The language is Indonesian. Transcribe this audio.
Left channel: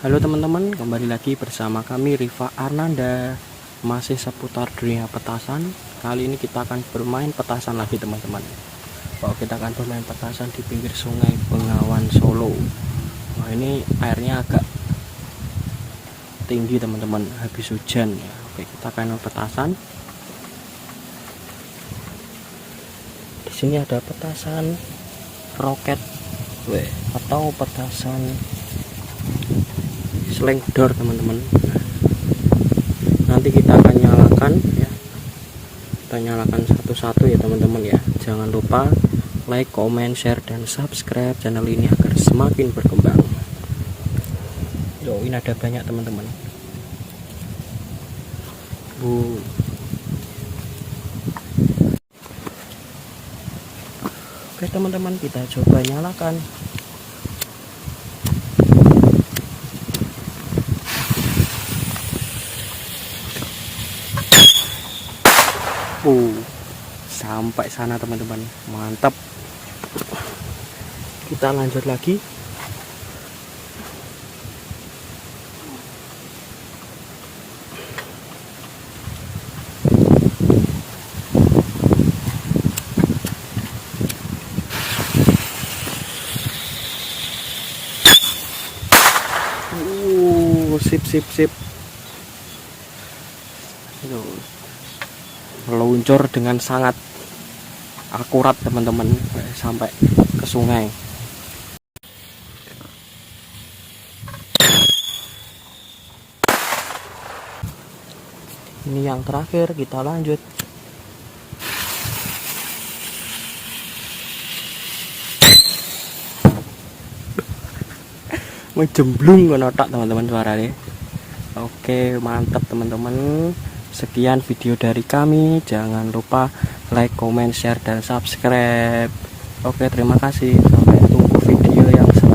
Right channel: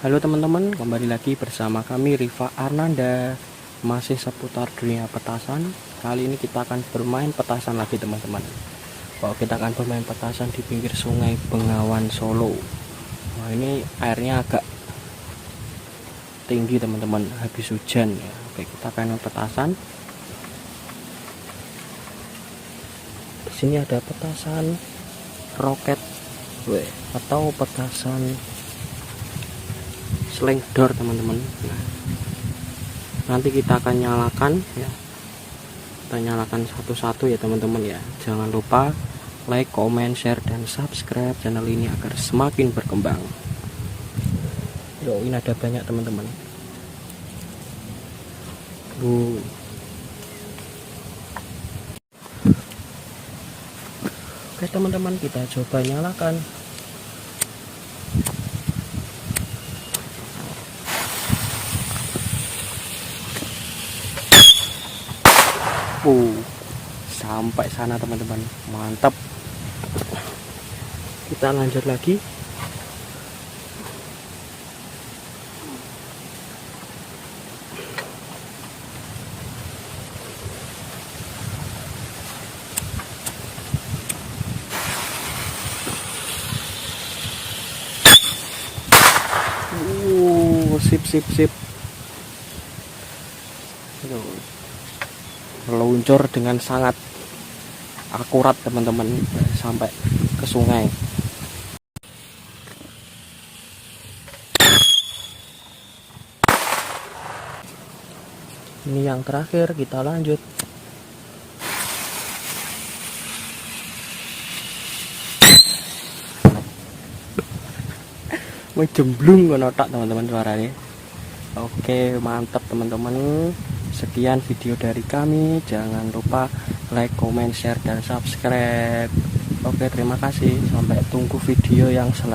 Halo teman-teman, kembali lagi bersama kami Riva Arnanda. Masih seputar dunia petasan. Kali ini kita akan bermain petasan lagi teman-teman. Kita akan bermain petasan di pinggir sungai Bengawan Solo. Wah, ini airnya agak tinggi teman-teman, habis hujan ya. Oke, kita akan main petasan. Di sini ada petasan roket atau petasan slingdor teman-teman. Nanti kita akan nyalakan ya, kita nyalakan satu-satu ya teman-teman ya. Jangan lupa like, comment, share, dan subscribe channel ini agar semakin berkembang. Ini ada banyak teman-teman. Oke teman-teman, kita coba nyalakan. Sampai sana teman-teman, mantap. Kita lanjut lagi. Sip. Meluncur dengan sangat akurat teman-teman sampai ke sungai. Ini yang terakhir, kita lanjut. Jemblung ngotak teman-teman suaranya. Oke, mantap teman-teman. Sekian video dari kami. Jangan lupa like, comment, share, dan subscribe. Oke, terima kasih. Sampai tunggu video yang selanjutnya.